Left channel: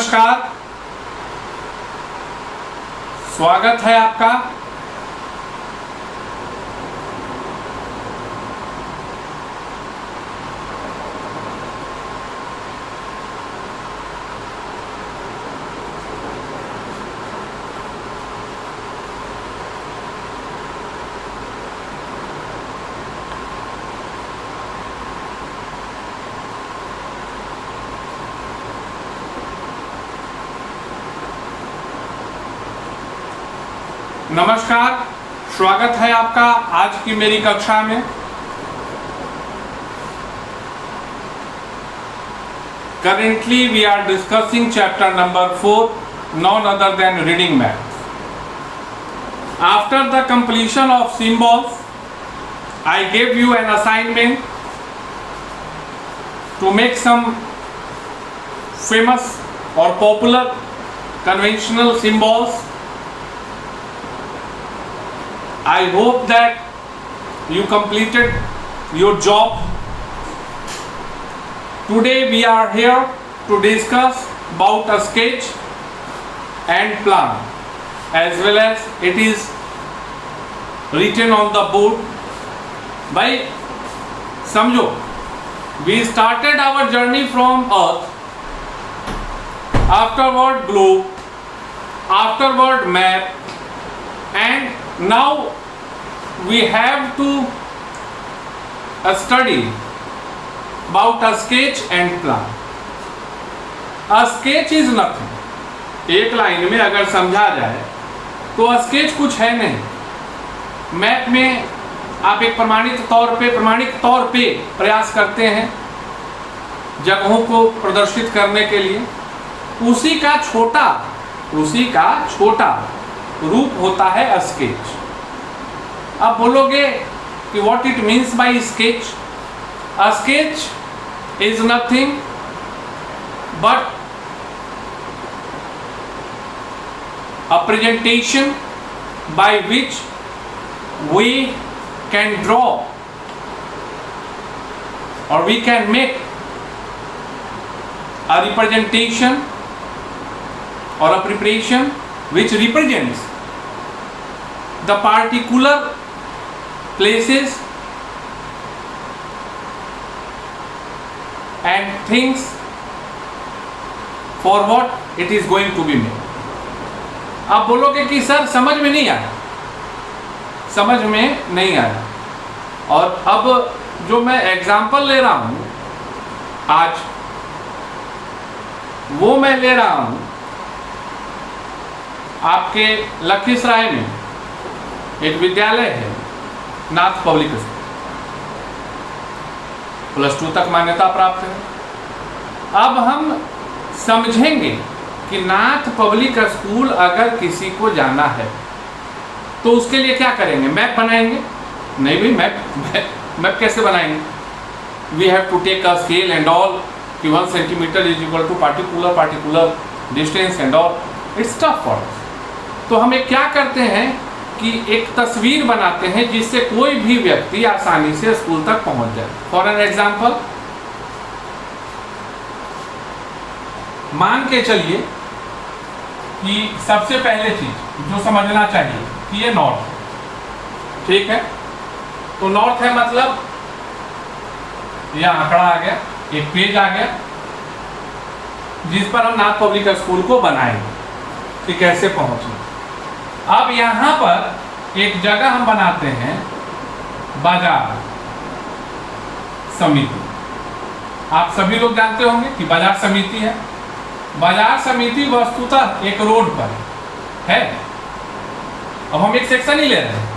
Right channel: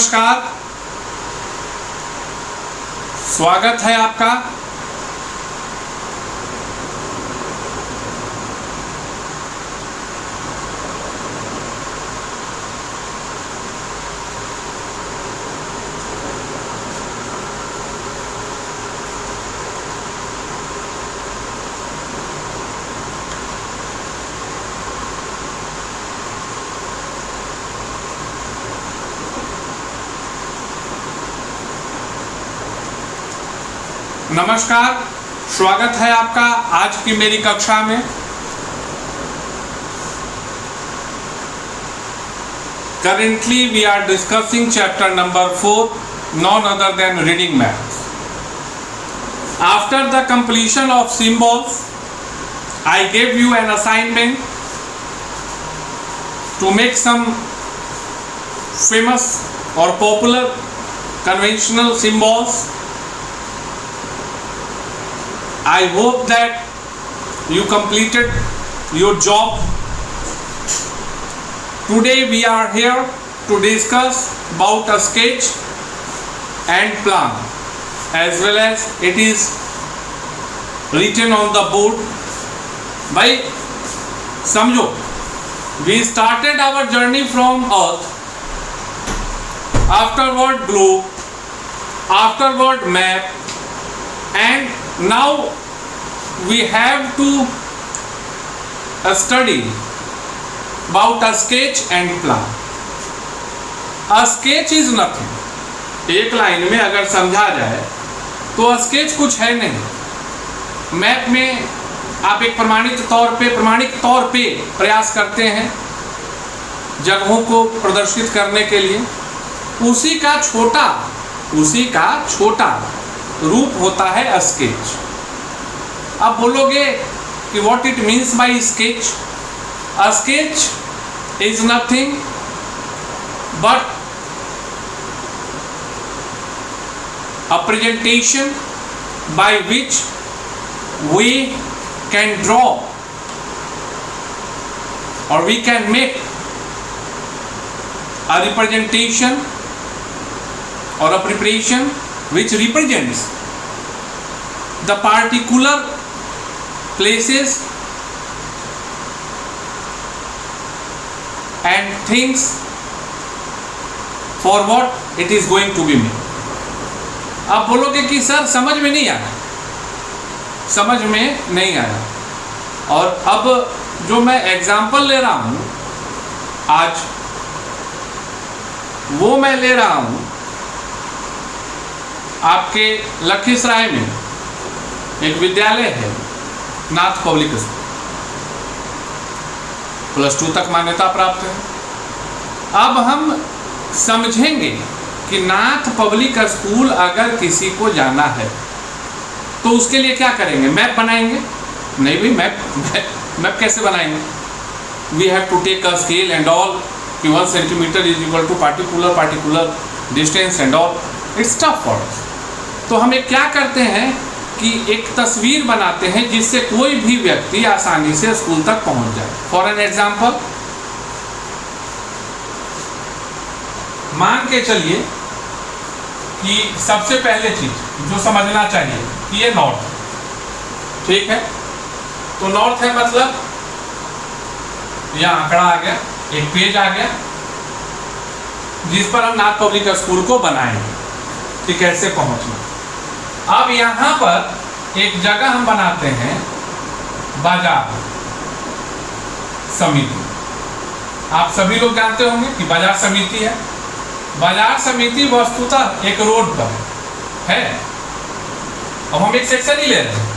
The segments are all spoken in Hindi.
नमस्कार, स्वागत है आपका। नमस्कार, स्वागत है आपका आज की मेरी कक्षा में। Currently we are discussing chapter number 4, none other than reading maths. After the completion of symbols, I gave you an assignment to make some famous or popular conventional symbols. I hope that you completed your job. Today we are here to discuss about a sketch and plan, as well as it is written on the board. भाई समझो, we started our journey from Earth, afterward globe, afterward map, and now we have to study about a sketch and plan. A sketch is nothing. एक लाइन में अगर समझा जाए तो स्केच कुछ है नहीं। मैप में आप एक प्रमाणिक तौर पे प्रयास करते हैं जगहों को प्रदर्शित करने के लिए। उसी का छोटा रूप होता है स्केच। अब बोलोगे कि what it means by sketch. A sketch is nothing but a presentation by which we can draw or we can make a representation or a preparation which represents the particular places and things for what it is going to be made. आप बोलोगे कि सर समझ में नहीं आया। और अब जो मैं एग्जाम्पल ले रहा हूं आज, वो मैं ले रहा हूं आपके लखीसराय में एक विद्यालय है, नाथ पब्लिक स्कूल, +2 तक मान्यता प्राप्त है। अब हम समझेंगे कि नाथ पब्लिक स्कूल अगर किसी को जाना है तो उसके लिए क्या करेंगे। मैप बनाएंगे? नहीं भाई, मैप कैसे बनाएंगे। We have to take a scale and all कि 1 centimetre is equal to particular distance and all. It's tough for us. तो हम एक क्या करते हैं कि एक तस्वीर बनाते हैं जिससे कोई भी व्यक्ति आसानी से स्कूल तक पहुंच जाए। फॉर एन एग्जाम्पल, मान के चलिए कि सबसे पहले चीज जो समझना चाहिए कि ये नॉर्थ, ठीक है। तो नॉर्थ है मतलब यह आंकड़ा आ गया, एक पेज आ गया जिस पर हम नाथ पब्लिक स्कूल को बनाएंगे कि कैसे पहुंचना। अब यहाँ पर एक जगह हम बनाते हैं बाजार समिति। आप सभी लोग जानते होंगे कि बाजार समिति है। बाजार समिति वस्तुतः एक रोड पर है। अब हम एक सेक्शन ही ले रहे हैं।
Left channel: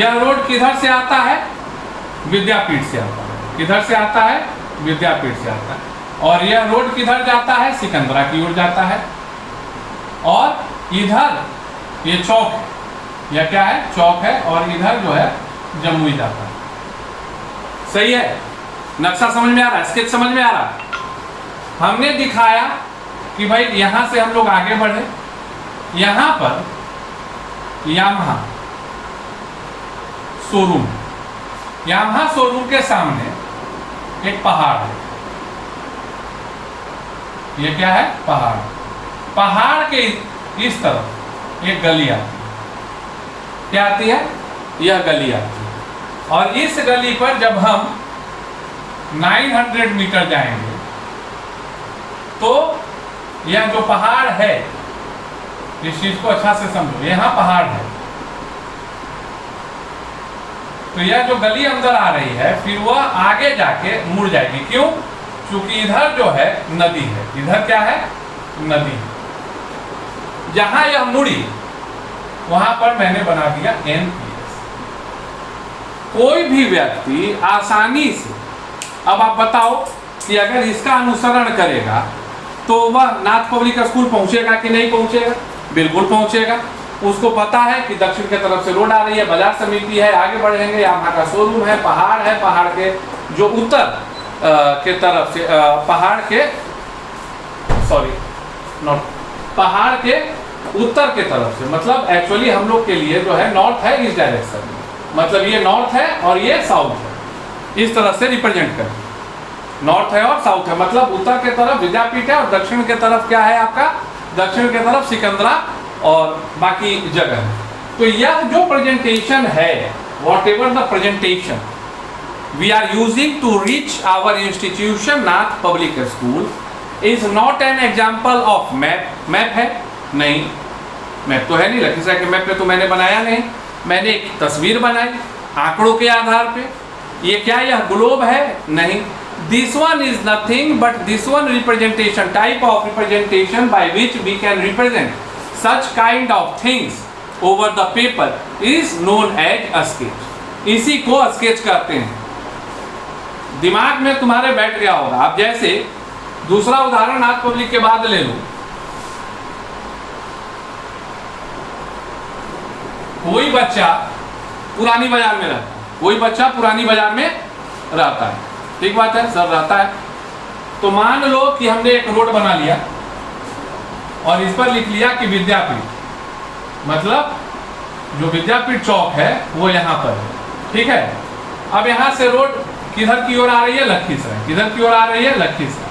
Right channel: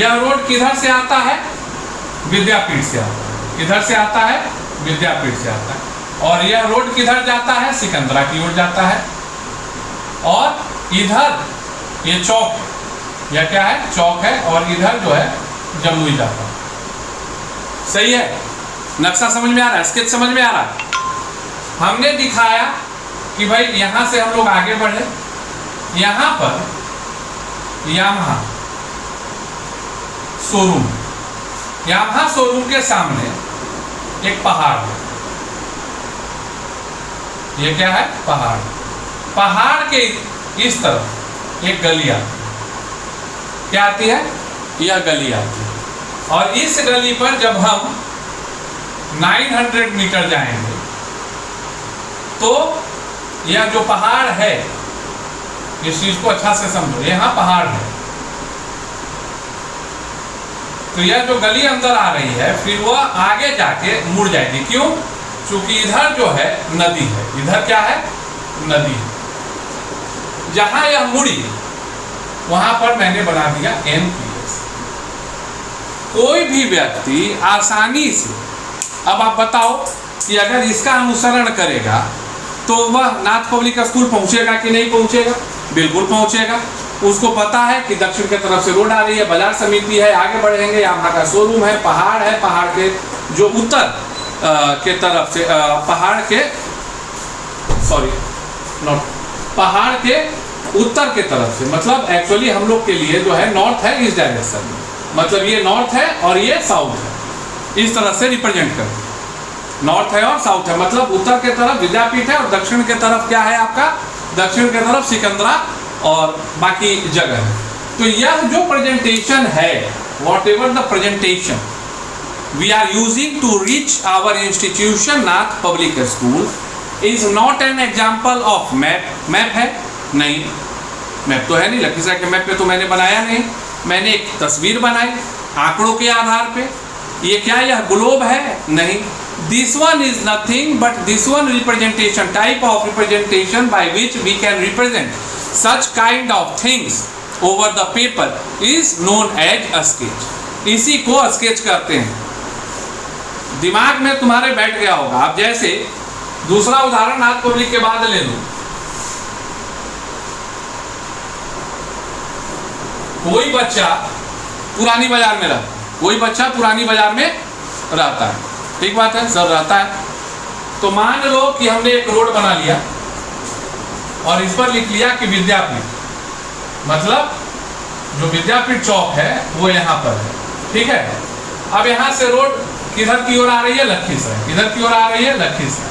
यह रोड किधर से आता है? विद्यापीठ से आता है। किधर से आता है? विद्यापीठ से आता है। और यह रोड किधर जाता है? सिकंदरा की ओर जाता है। और इधर ये चौक है, यह क्या है? चौक है। और इधर जो है जमुई जाता है। सही है? नक्शा समझ में आ रहा है? स्केच समझ में आ रहा है? हमने दिखाया कि भाई यहां से हम लोग आगे बढ़े। यहां पर यामाहा शोरूम के सामने एक पहाड़ है। ये क्या है? पहाड़। पहाड़ के इस तरफ एक गली आती है। क्या आती है? यह गली आती है। और इस गली पर जब हम 900 मीटर जाएंगे तो यह जो पहाड़ है, इस चीज को अच्छा से समझो, यहां पहाड़ है, तो यह जो गली अंदर आ रही है फिर वह आगे जाके मुड़ जाएगी। क्यों? क्योंकि इधर जो है नदी है। इधर क्या है? नदी है। जहां यह मुड़ी वहां पर मैंने बना दिया NPS। कोई भी व्यक्ति आसानी से, अब आप बताओ कि अगर इसका अनुसरण करेगा तो वह नाथ पब्लिक स्कूल पहुंचेगा कि नहीं पहुंचेगा? बिल्कुल पहुंचेगा। उसको पता है कि दक्षिण के तरफ से रोड आ रही है, बाजार समिति है, आगे बढ़ेंगे, यहाँ का शोरूम है, पहाड़ है, पहाड़ के जो उत्तर के तरफ से पहाड़ के पहाड़ के उत्तर के तरफ से, मतलब एक्चुअली हम लोग के लिए जो है नॉर्थ है इस डायरेक्शन में, मतलब ये नॉर्थ है और ये साउथ है, इस तरह से रिप्रेजेंट करें। नॉर्थ है और साउथ है, मतलब उत्तर के तरफ विद्यापीठ है और दक्षिण के तरफ क्या है आपका? दक्षिण के तरफ सिकंदरा और बाकी जगह है। तो यह जो प्रेजेंटेशन है, whatever the presentation we are using to reach our institution Nath public school is not an example of map. Map है? नहीं, मैप तो है नहीं। लखीसराय के मैप पे तो मैंने बनाया नहीं, मैंने एक तस्वीर बनाई आंकड़ों के आधार पे। ये क्या यह ग्लोब है? नहीं। This one is nothing but this one representation, type of representation by which we can represent such kind of things over the paper is known as a sketch. इसी को स्केच कहते हैं। दिमाग में तुम्हारे बैठ गया होगा। आप जैसे दूसरा उदाहरण नाथ पब्लिक के बाद ले लो। कोई बच्चा पुरानी बाजार में रहता है, कोई बच्चा पुरानी बाजार में रहता है, ठीक बात है सर, रहता है। तो मान लो कि हमने एक रोड बना लिया और इस पर लिख लिया कि विद्यापीठ, मतलब जो विद्यापीठ चौक है वो यहाँ पर है, ठीक है। अब यहाँ से रोड किधर की ओर आ रही है? लखीसराय। किधर की ओर आ रही है? लखीसराय।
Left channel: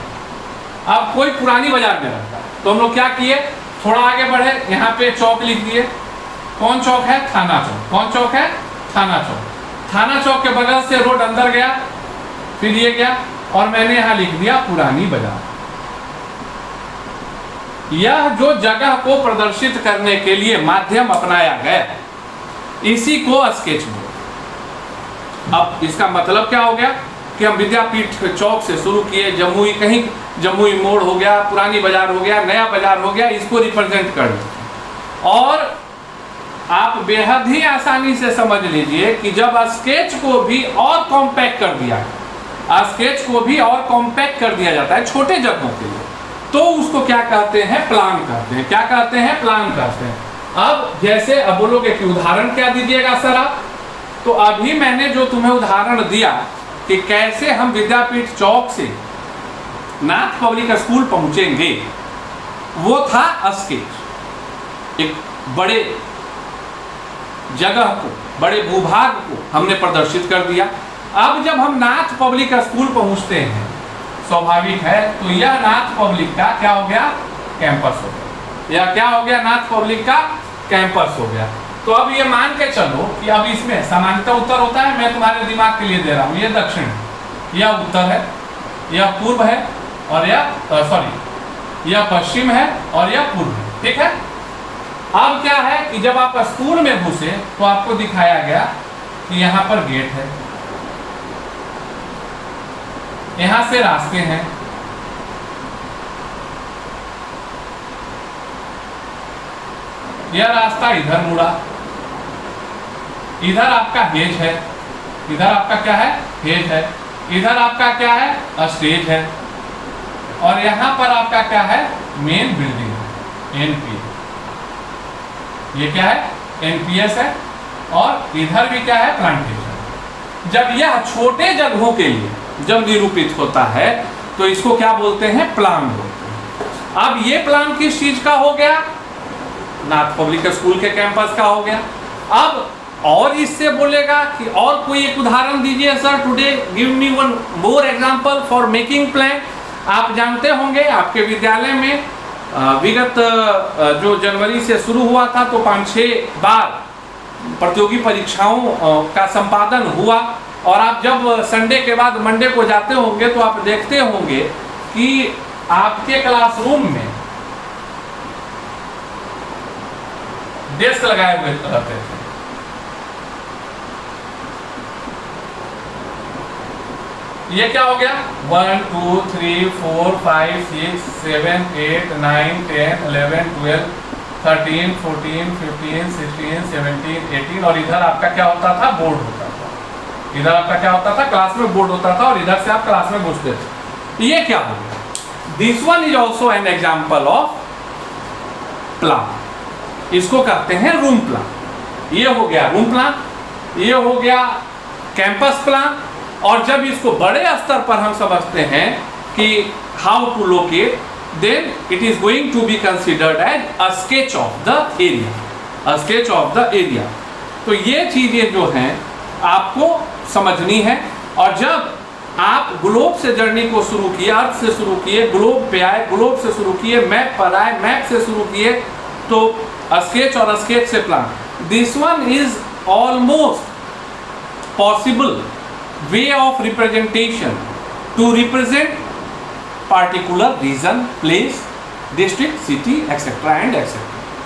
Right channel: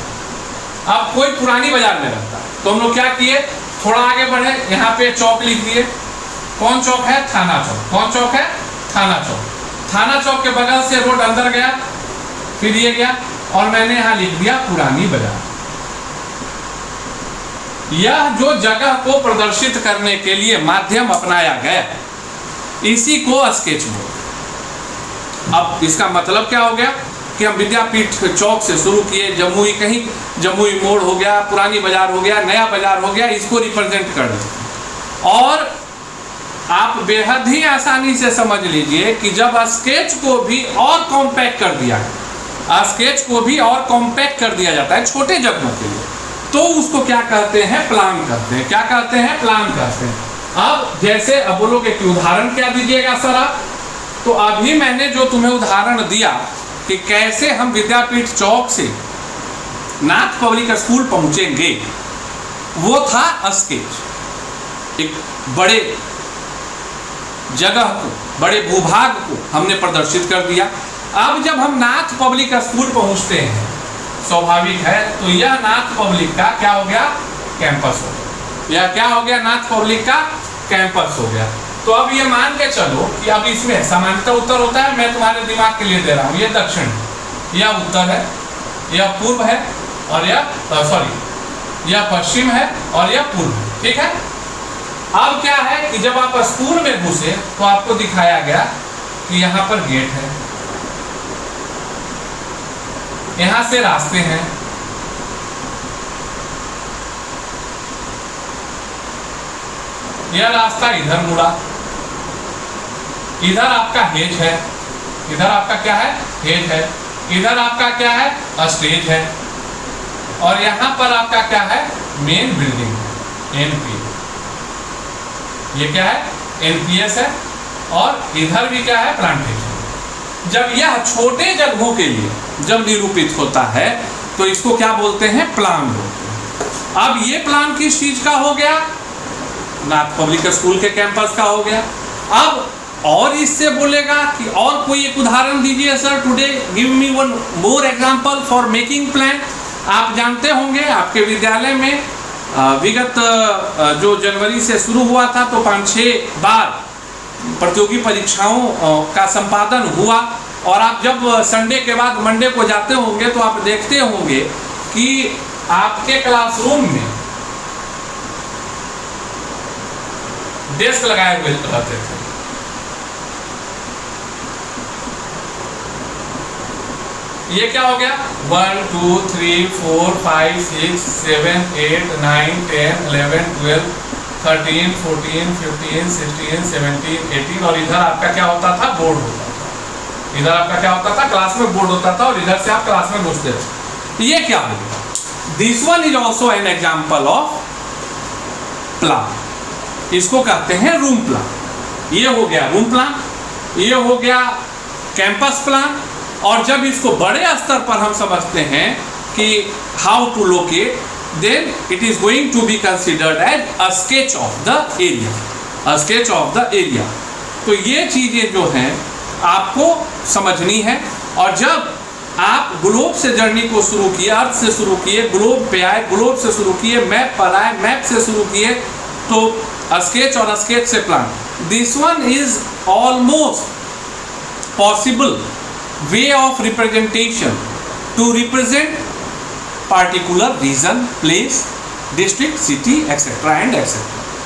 अब कोई पुरानी बाजार में रहता है तो हम लोग क्या किए, थोड़ा आगे बढ़े, यहाँ पे चौक लिख दिए। कौन चौक है? थाना चौक। कौन चौक है? थाना चौक। थाना चौक के बगल से रोड अंदर गया, फिर ये गया और मैंने यहां लिख दिया पुरानी बाजार। यह जो जगह को प्रदर्शित करने के लिए माध्यम अपनाया गया, इसी को स्केच बोर्ड। अब इसका मतलब क्या हो गया कि हम विद्यापीठ चौक से शुरू किए, जमुई कहीं जमुई मोड़ हो गया, पुरानी बाजार हो गया, नया बाजार हो गया, इसको रिप्रेजेंट कर दें। और आप बेहद ही आसानी से समझ लीजिए कि जब स्केच को भी और कॉम्पैक्ट कर दिया, स्केच को भी और कॉम्पैक्ट कर दिया जाता है छोटे जगहों के लिए, तो उसको क्या कहते हैं? प्लान कहते हैं। क्या कहते हैं? प्लान कहते हैं। अब जैसे अब बोलोगे कि उदाहरण क्या दीजिएगा सर आप, तो अभी मैंने जो तुम्हें उदाहरण दिया कि कैसे हम विद्यापीठ चौक से नाथ पब्लिक स्कूल पहुंचेंगे, वो था स्केच। एक बड़े जगह को, बड़े भूभाग को हमने प्रदर्शित कर दिया। अब जब हम नाथ पब्लिक स्कूल पहुंचते हैं, स्वाभाविक है, तो यह नाथ पब्लिक का क्या हो गया? कैंपस हो गया। यह क्या हो गया? नाथ पब्लिक का कैंपस हो गया। तो अब ये मान के चलो कि अब इसमें सामान्यतः उत्तर होता है, मैं तुम्हारे दिमाग के लिए दे रहा हूँ, ये दक्षिण, यह उत्तर है, यह पूर्व है और यह पश्चिम है और यह पूर्व है, ठीक है। अब क्या है कि जब आप स्कूल में घुसे तो आपको दिखाया गया कि यहाँ पर गेट है, यहाँ से रास्ते हैं, यह रास्ता इधर मुड़ा, इधर आपका हेज है, इधर आपका क्या है? हेज है, इधर आपका क्या है? स्टेज है, और यहाँ पर आपका क्या है? Main building NPS. ये क्या है? एनपीएस है, और इधर भी क्या है? प्लांटेशन। जब यह छोटे जगहों के लिए जब निरूपित होता है तो इसको क्या बोलते हैं? प्लान बोलते हैं। अब ये प्लान किस चीज का हो गया? नाथ पब्लिक स्कूल के कैंपस का हो गया। अब और इससे बोलेगा कि और कोई एक उदाहरण दीजिए sir, today give me one more example for making plan. आप जानते होंगे आपके विद्यालय में विगत जो जनवरी से शुरू हुआ था तो 5-6 बार प्रतियोगी परीक्षाओं का संपादन हुआ, और आप जब संडे के बाद मंडे को जाते होंगे तो आप देखते होंगे कि आपके क्लासरूम में डेस्क लगाए हुए रहते थे। ये क्या हो गया? 1 2 3 4 5 6 7 8 9 10 11 12 13 14 15 16 17 18, और इधर आपका क्या होता था? बोर्ड होता था। इधर आपका क्या होता था? क्लास में बोर्ड होता था, और इधर से आप क्लास में घुसते थे। ये क्या हो गया? This one is also an example of plan. इसको कहते हैं रूम प्लान। ये हो गया रूम प्लान, ये हो गया कैंपस प्लान। और जब इसको बड़े स्तर पर हम समझते हैं कि how to locate, then it is going to be considered as a sketch of the area, a sketch of the area. तो ये चीजें जो हैं आपको समझनी है। और जब आप ग्लोब से जर्नी को शुरू किए, अर्थ से शुरू किए, ग्लोब पे आए, ग्लोब से शुरू किए, मैप पर आए, मैप से शुरू किए, तो स्केच और स्केच से plan, this one is almost possible way of representation to represent particular region, place, district, city, etc. and etc.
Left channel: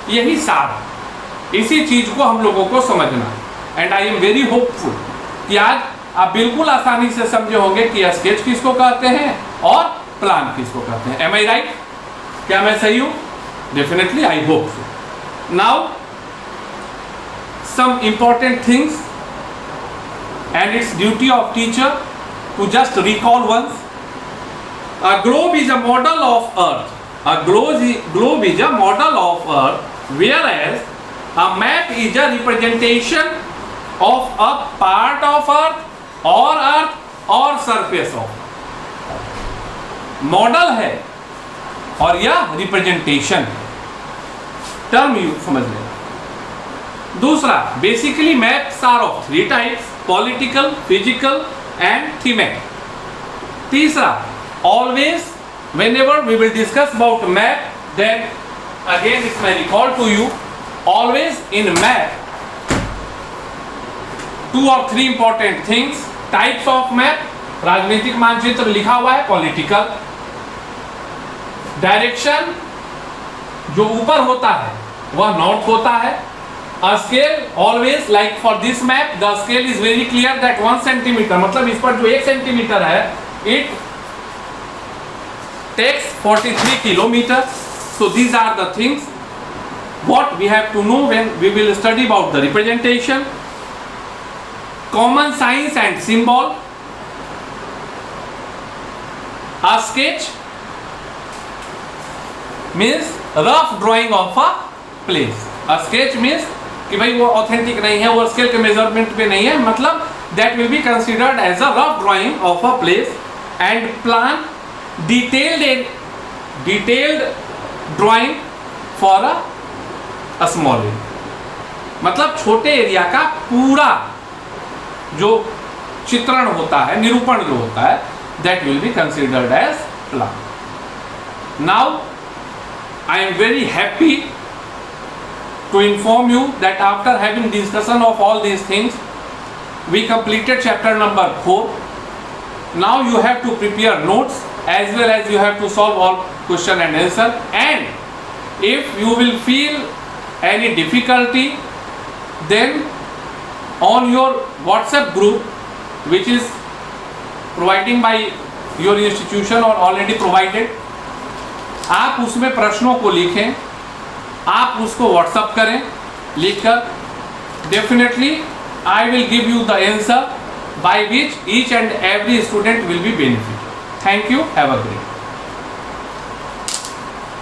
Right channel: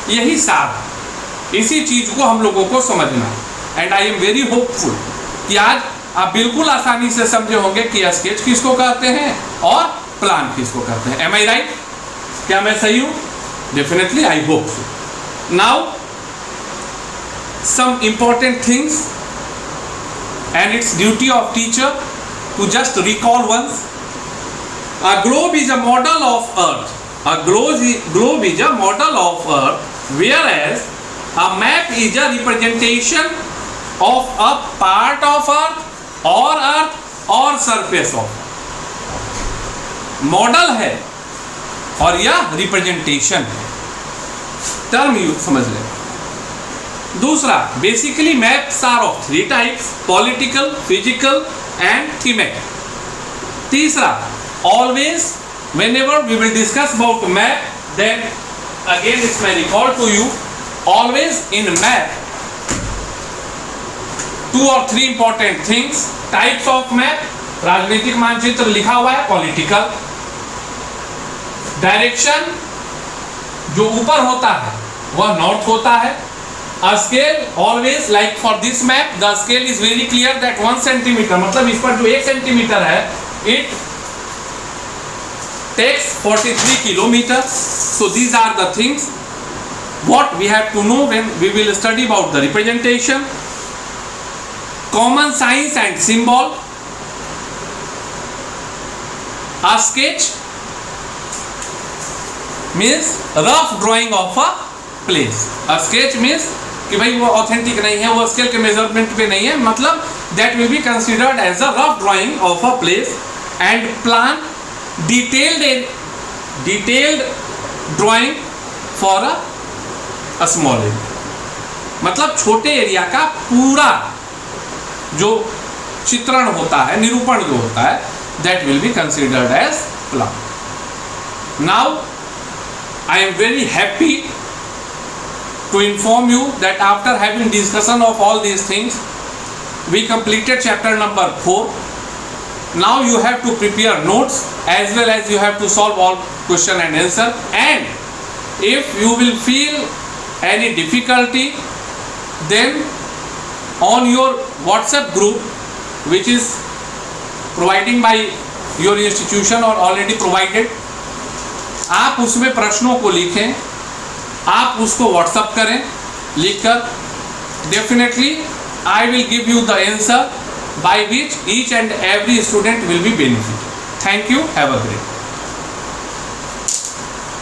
यही सार है। इसी चीज को हम लोगों को समझना है। And I am very hopeful कि आज आप बिल्कुल आसानी से समझे होंगे कि स्केच किसको कहते हैं और प्लान किसको कहते हैं। एम आई राइट? क्या मैं सही हूं? Definitely I hope so. Now some important things, and it's duty of teacher to just recall once. A globe is a model of earth. A globe is a model of earth, whereas a map is a representation of a part of earth or surface of earth. Model है और यह रिप्रेजेंटेशन है। टर्म यू समझ लें। दूसरा, basically maps are of 3 types, political, physical and thematic. तीसरा, always whenever we will discuss about map, then again it's my recall to you, always in map 2 or 3 important things. Types of map, राजनीतिक मानचित्र लिखा हुआ है, पॉलिटिकल। डायरेक्शन जो ऊपर होता है वह नॉर्थ होता है। A scale, always like for this map, the scale is very clear that 1 centimeter, मतलब इस पर जो 1 सेंटीमीटर है, it takes 43 kilometers. So these are the things what we have to know when we will study about the representation. Common signs and symbol. A sketch means rough drawing of a place. A sketch means कि भाई वो ऑथेंटिक नहीं है, वो स्केल के मेजरमेंट पे नहीं है, मतलब that will be considered as a rough drawing of a place. And plan, detailed drawing for a small area, मतलब छोटे एरिया का पूरा जो चित्रण होता है, निरूपण जो होता है, that will be considered as plan. Now I am very happy to inform you that after having discussion of all these things, we completed chapter number 4. Now you have to prepare notes as well as you have to solve all question and answer. And if you will feel any difficulty, then on your WhatsApp group, which is providing by your institution or already provided, आप उसमें प्रश्नों को लिखें, आप उसको व्हाट्सअप करें लिखकर। Definitely I will give you the answer by which each and every student will be benefit. Thank you, have a great.